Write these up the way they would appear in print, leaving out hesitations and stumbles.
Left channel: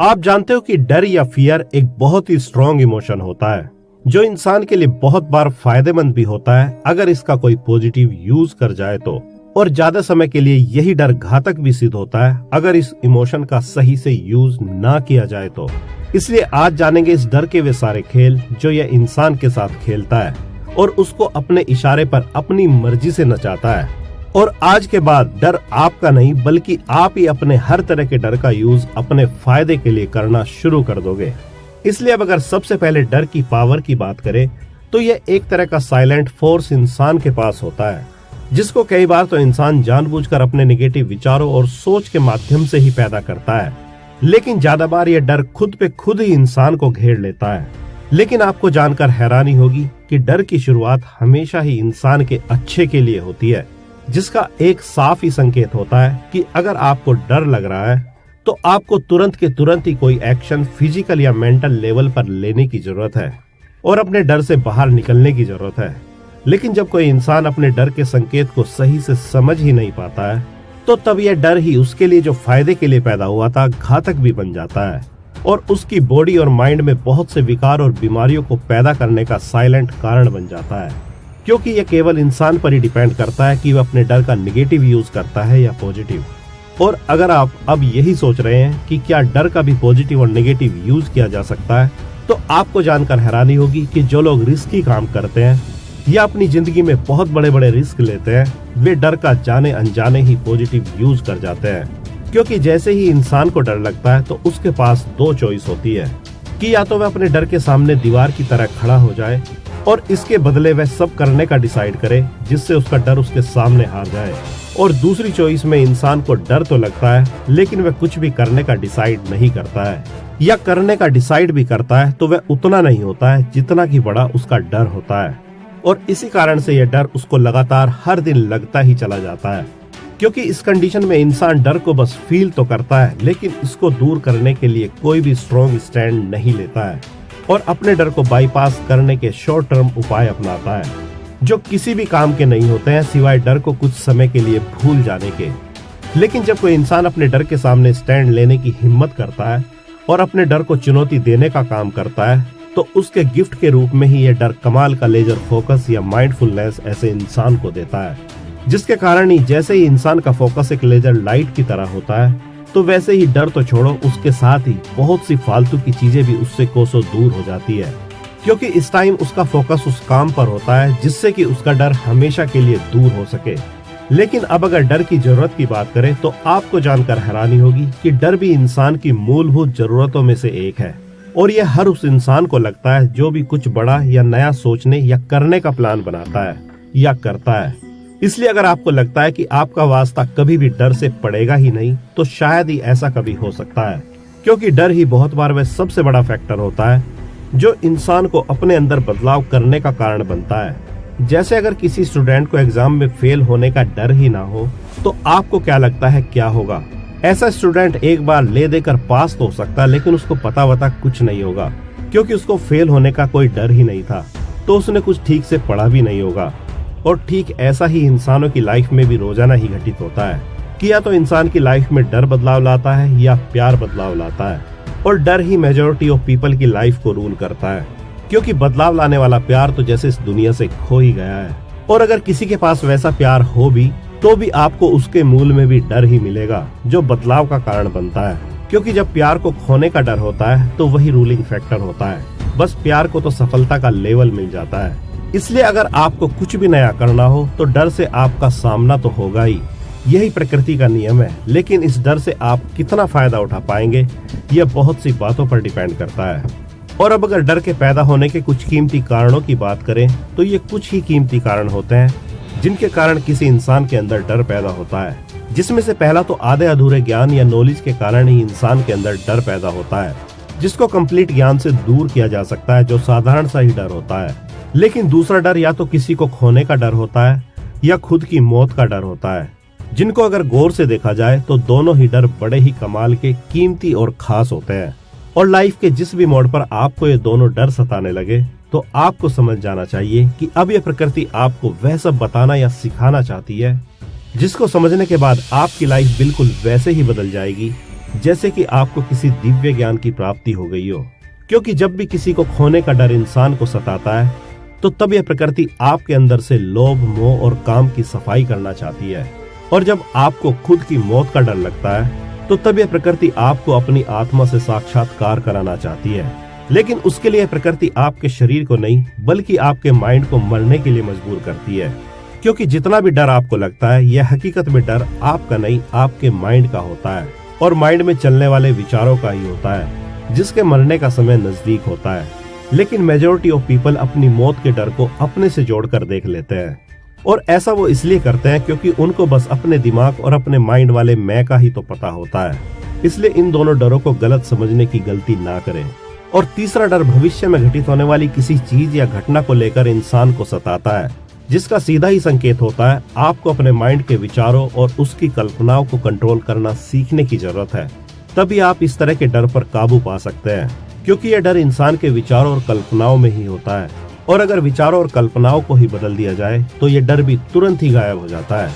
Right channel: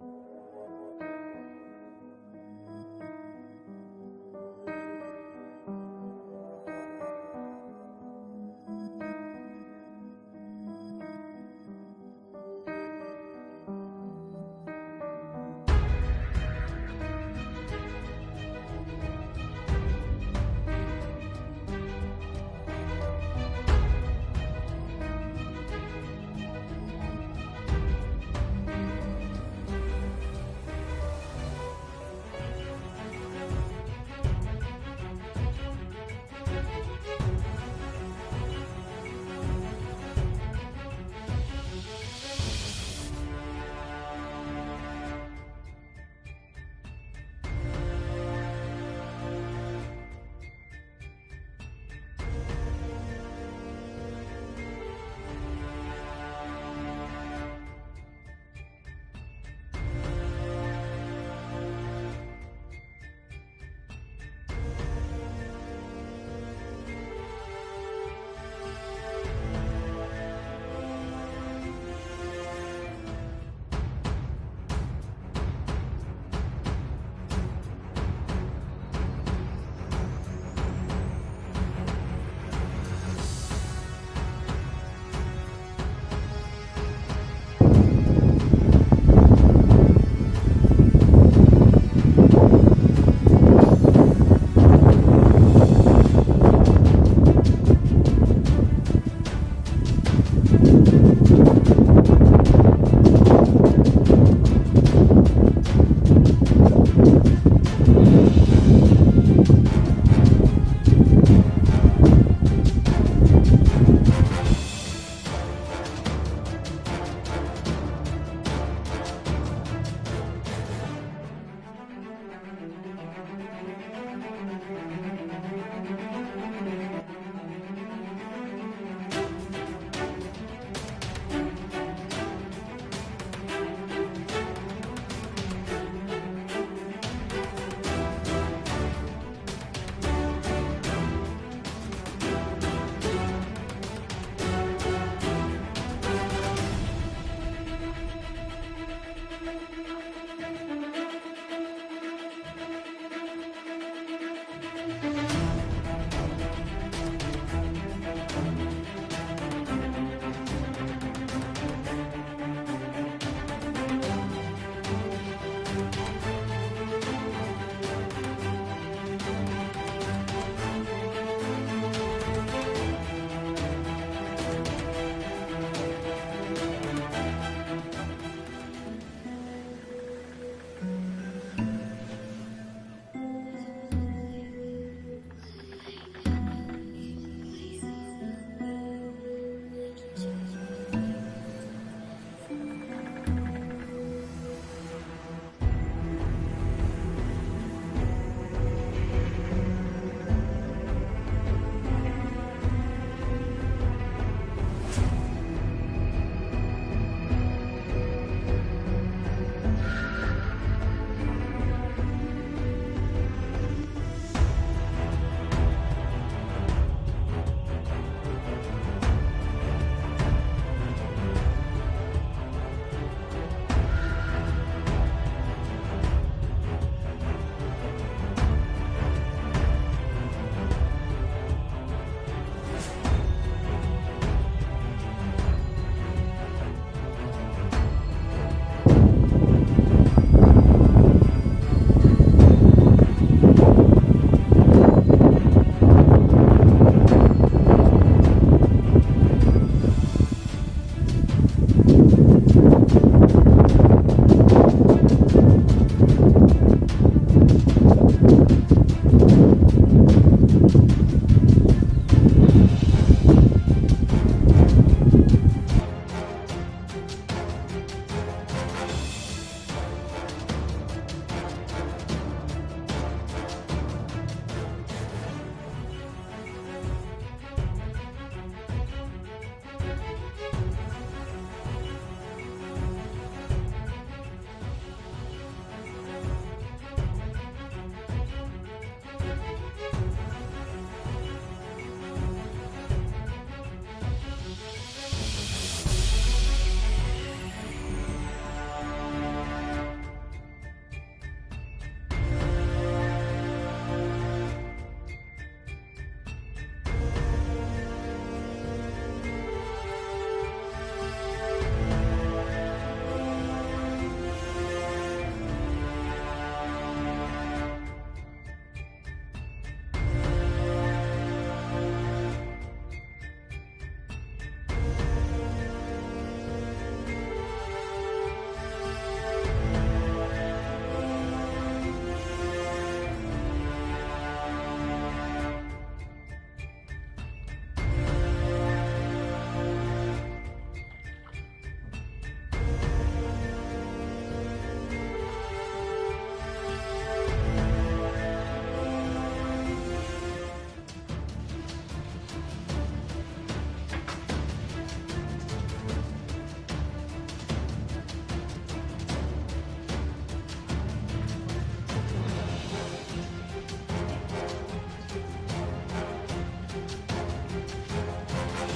आप जानते हो कि डर या फियर एक बहुत ही स्ट्रॉन्ग इमोशन होता है जो इंसान के लिए बहुत बार फायदेमंद भी होता है अगर इसका कोई पॉजिटिव यूज कर जाए तो, और ज्यादा समय के लिए यही डर घातक भी सिद्ध होता है अगर इस इमोशन का सही से यूज ना किया जाए तो। इसलिए आज जानेंगे इस डर के वे सारे खेल जो यह इंसान के साथ खेलता है और उसको अपने इशारे पर अपनी मर्जी से नचाता है। और आज के बाद डर आपका नहीं बल्कि आप ही अपने हर तरह के डर का यूज अपने फायदे के लिए करना शुरू कर दोगे। इसलिए अब अगर सबसे पहले डर की पावर की बात करें तो यह एक तरह का साइलेंट फोर्स इंसान के पास होता है जिसको कई बार तो इंसान जानबूझकर अपने नेगेटिव विचारों और सोच के माध्यम से ही पैदा करता है, लेकिन ज्यादा बार यह डर खुद पे खुद ही इंसान को घेर लेता है। लेकिन आपको जानकर हैरानी होगी कि डर की शुरुआत हमेशा ही इंसान के अच्छे के लिए होती है, जिसका एक साफ ही संकेत होता है कि अगर आपको डर लग रहा है तो आपको तुरंत के तुरंत ही कोई एक्शन फिजिकल या मेंटल लेवल पर लेने की जरूरत है और अपने डर से बाहर निकलने की जरूरत है। लेकिन जब कोई इंसान अपने डर के संकेत को सही से समझ ही नहीं पाता है तो तब यह डर ही उसके लिए जो फायदे के लिए पैदा हुआ था घातक भी बन जाता है और उसकी बॉडी और माइंड में बहुत से विकार और बीमारियों को पैदा करने का साइलेंट कारण बन जाता है, क्योंकि यह केवल इंसान पर ही डिपेंड करता है कि वह अपने डर का निगेटिव यूज करता है या पॉजिटिव। और अगर आप अब यही सोच रहे हैं कि क्या डर का भी पॉजिटिव और नेगेटिव यूज किया जा सकता है, तो आपको जानकर हैरानी होगी कि जो लोग रिस्की काम करते हैं या अपनी जिंदगी में बहुत बड़े बड़े रिस्क लेते हैं वे डर का जाने अनजाने ही पॉजिटिव यूज कर जाते हैं। क्योंकि जैसे ही इंसान को डर लगता है तो उसके पास दो चॉइस होती है कि या तो वह अपने डर के सामने दीवार की तरह खड़ा हो जाए और इसके बदले वह सब करने का डिसाइड करे जिससे उसका डर उसके सामने आ जाए, और दूसरी चॉइस में इंसान को डर तो लगता है लेकिन वह कुछ भी करने का डिसाइड नहीं करता है, या करने का डिसाइड भी करता है तो वह उतना नहीं होता है जितना कि बड़ा उसका डर होता है। और इसी कारण से यह डर उसको लगातार हर दिन लगता ही चला जाता है, क्योंकि इस कंडीशन में इंसान डर को बस फील तो करता है लेकिन इसको दूर करने के लिए कोई भी स्ट्रॉन्ग स्टैंड नहीं लेता है और अपने डर को बाईपास करने के शॉर्ट टर्म उपाय अपनाता है जो किसी भी काम के नहीं होते हैं सिवाय डर को कुछ समय के लिए भूल जाने के। लेकिन जब कोई इंसान अपने डर के सामने स्टैंड लेने की हिम्मत करता है और अपने डर को चुनौती देने का काम करता है तो उसके गिफ्ट के रूप में ही यह डर कमाल का लेजर फोकस या माइंडफुलनेस ऐसे इंसान को देता है, जिसके कारण ही जैसे ही इंसान का फोकस एक लेजर लाइट की तरह होता है तो वैसे ही डर तो छोड़ो उसके साथ ही बहुत सी फालतू की चीजें भी उससे कोसों दूर हो जाती है, क्योंकि इस टाइम उसका फोकस उस काम पर होता है जिससे कि उसका डर हमेशा के लिए दूर हो सके। लेकिन अब अगर डर की जरूरत की बात करें तो आपको जानकर हैरानी होगी कि डर भी इंसान की मूलभूत जरूरतों में से एक है और यह हर उस इंसान को लगता है जो भी कुछ बड़ा या नया सोचने या करने का प्लान बनाता है या करता है। इसलिए अगर आपको लगता है कि आपका वास्ता कभी भी डर से पड़ेगा ही नहीं तो शायद ही ऐसा कभी हो सकता है, क्योंकि डर ही बहुत बार वह सबसे बड़ा फैक्टर होता है जो इंसान को अपने अंदर बदलाव करने का कारण बनता है। जैसे अगर किसी स्टूडेंट को एग्जाम में फेल होने का डर ही ना हो तो आपको क्या लगता है क्या होगा? ऐसा स्टूडेंट एक बार ले देकर पास तो हो सकता है लेकिन उसको पता कुछ नहीं होगा, क्योंकि उसको फेल होने का कोई डर ही नहीं था तो उसने कुछ ठीक से पढ़ा भी नहीं होगा। और ठीक ऐसा ही इंसानों की लाइफ में भी रोजाना ही घटित होता है कि या तो इंसान की लाइफ में डर बदलाव लाता है या प्यार बदलाव लाता है, और डर ही मेजॉरिटी ऑफ पीपल की लाइफ को रूल करता है, क्योंकि बदलाव लाने वाला प्यार तो जैसे इस दुनिया से खो ही गया है। और अगर किसी के पास वैसा प्यार हो भी तो भी आपको उसके मूल में भी डर ही मिलेगा जो बदलाव का कारण बनता है, क्योंकि जब प्यार को खोने का डर होता है तो वही रूलिंग फैक्टर होता है। बस प्यार को तो सफलता का लेवल मिल जाता है। इसलिए अगर आपको कुछ भी नया करना हो तो डर से आपका सामना तो होगा ही, यही प्रकृति का नियम है। लेकिन इस डर से आप कितना फायदा उठा पाएंगे यह बहुत सी बातों पर डिपेंड करता है। और अब अगर डर के पैदा होने के कुछ कीमती कारणों की बात करें तो ये कुछ ही कीमती कारण होते हैं जिनके कारण किसी इंसान के अंदर डर पैदा होता है, जिसमें से पहला तो आधे अधूरे ज्ञान या नॉलेज के कारण ही इंसान के अंदर डर पैदा होता है, जिसको कंप्लीट ज्ञान से दूर किया जा सकता है जो साधारण सा ही डर होता है। लेकिन दूसरा डर या तो किसी को खोने का डर होता है या खुद की मौत का डर होता है, जिनको अगर गौर से देखा जाए तो दोनों ही डर बड़े ही कमाल के कीमती और खास होते हैं। और लाइफ के जिस भी मोड़ पर आपको ये दोनों डर सताने लगे तो आपको समझ जाना चाहिए कि अब ये प्रकृति आपको वह सब बताना या सिखाना चाहती है जिसको समझने के बाद आपकी लाइफ बिल्कुल वैसे ही बदल जाएगी जैसे कि आपको किसी दिव्य ज्ञान की प्राप्ति हो गई हो। क्योंकि जब भी किसी को खोने का डर इंसान को सताता है तो तब यह प्रकृति आपके अंदर से लोभ, मोह और काम की सफाई करना चाहती है। और जब आपको खुद की मौत का डर लगता है तो तब यह प्रकृति आपको अपनी आत्मा से साक्षात्कार कराना चाहती है। लेकिन उसके लिए प्रकृति आपके शरीर को नहीं बल्कि आपके माइंड को मरने के लिए मजबूर करती है। क्योंकि जितना भी डर आपको लगता है यह हकीकत में डर आपका नहीं आपके माइंड का होता है और माइंड में चलने वाले विचारों का ही होता है, जिसके मरने का समय नजदीक होता है। लेकिन मेजोरिटी ऑफ पीपल अपनी मौत के डर को अपने से जोड़कर देख लेते हैं और ऐसा वो इसलिए करते हैं क्योंकि उनको बस अपने दिमाग और अपने माइंड वाले मैं का ही तो पता होता है। इसलिए इन दोनों डरों को गलत समझने की गलती ना करें। और तीसरा डर भविष्य में घटित होने वाली किसी चीज या घटना को लेकर इंसान को सताता है, जिसका सीधा ही संकेत होता है आपको अपने माइंड के विचारों और उसकी कल्पनाओं को कंट्रोल करना सीखने की जरूरत है। तभी आप इस तरह के डर पर काबू पा सकते हैं, क्योंकि यह डर इंसान के विचारों और कल्पनाओं में ही होता है। और अगर विचारों और कल्पनाओं को ही बदल दिया जाए तो ये डर भी तुरंत ही गायब हो जाता है।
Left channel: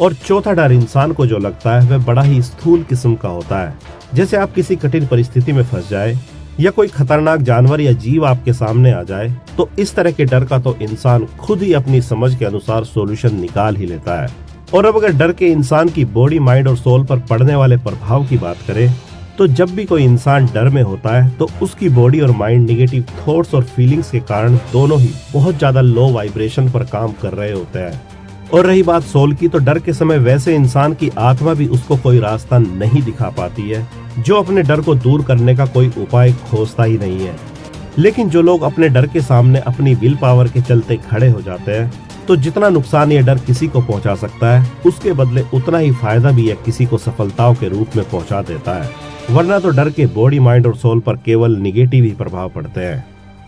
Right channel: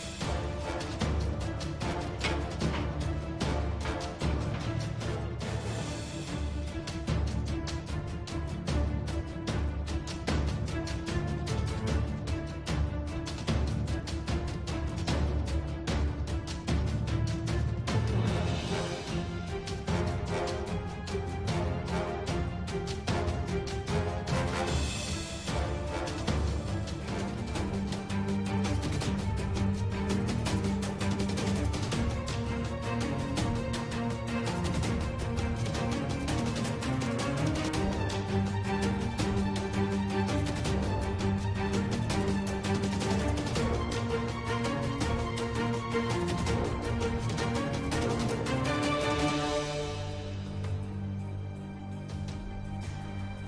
और चौथा डर इंसान को जो लगता है वह बड़ा ही स्थूल किस्म का होता है। जैसे आप किसी कठिन परिस्थिति में फंस जाए या कोई खतरनाक जानवर या जीव आपके सामने आ जाए तो इस तरह के डर का तो इंसान खुद ही अपनी समझ के अनुसार सॉल्यूशन निकाल ही लेता है। और अब अगर डर के इंसान की बॉडी, माइंड और सोल पर पड़ने वाले प्रभाव की बात करें तो जब भी कोई इंसान डर में होता है तो उसकी बॉडी और माइंड निगेटिव थॉट्स और फीलिंग्स के कारण दोनों ही बहुत ज्यादा लो वाइब्रेशन पर काम कर रहे होते हैं। और रही बात सोल की, तो डर के समय वैसे इंसान की आत्मा भी उसको कोई रास्ता नहीं दिखा पाती है, जो अपने डर को दूर करने का कोई उपाय खोजता ही नहीं है। लेकिन जो लोग अपने डर के सामने अपनी विल पावर के चलते खड़े हो जाते हैं तो जितना नुकसान ये डर किसी को पहुंचा सकता है उसके बदले उतना ही फायदा भी यह किसी को सफलताओं के रूप में पहुंचा देता है। वरना तो डर के बॉडी, माइंड और सोल पर केवल निगेटिव ही प्रभाव पड़ते हैं।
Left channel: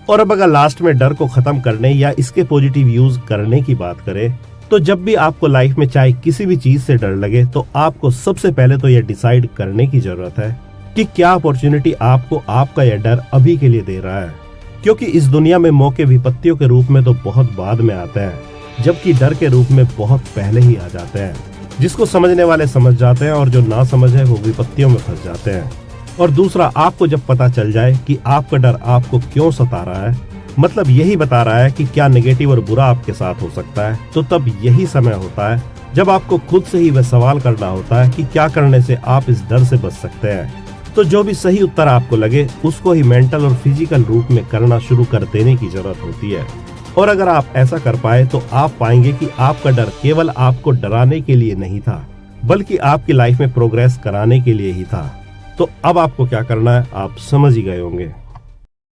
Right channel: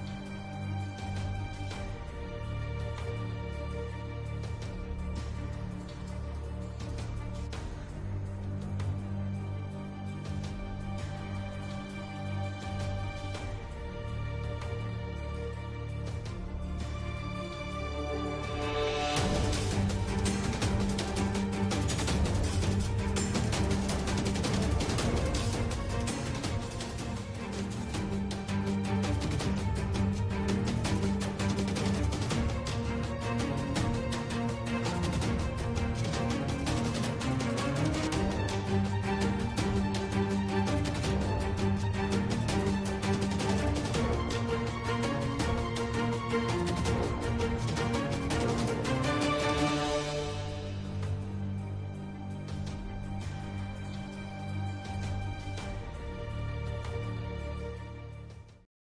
और अब अगर लास्ट में डर को खत्म करने या इसके पॉजिटिव यूज करने की बात करें तो जब भी आपको लाइफ में चाहे किसी भी चीज से डर लगे तो आपको सबसे पहले तो यह डिसाइड करने की जरूरत है कि क्या अपॉर्चुनिटी आपको आपका यह डर अभी के लिए दे रहा है। क्योंकि इस दुनिया में मौके विपत्तियों के रूप में तो बहुत बाद में आते हैं, जबकि डर के रूप में बहुत पहले ही आ जाते हैं। जिसको समझने वाले समझ जाते हैं और जो ना समझे वो विपत्तियों में फंस जाते हैं। और दूसरा, आपको जब पता चल जाए कि आपका डर आपको क्यों सता रहा है, मतलब यही बता रहा है कि क्या नेगेटिव और बुरा आपके साथ हो सकता है, तो तब यही समय होता है जब आपको खुद से ही वह सवाल करना होता है कि क्या करने से आप इस डर से बच सकते हैं। तो जो भी सही उत्तर आपको लगे उसको ही मेंटल और फिजिकल रूप में करना शुरू कर देने की जरूरत होती है। और अगर आप ऐसा कर पाए तो आप पाएंगे कि आपका डर केवल आपको डराने के लिए नहीं था बल्कि आपकी लाइफ में प्रोग्रेस कराने के लिए ही था। तो अब आपको क्या करना है आप समझ ही गए होंगे।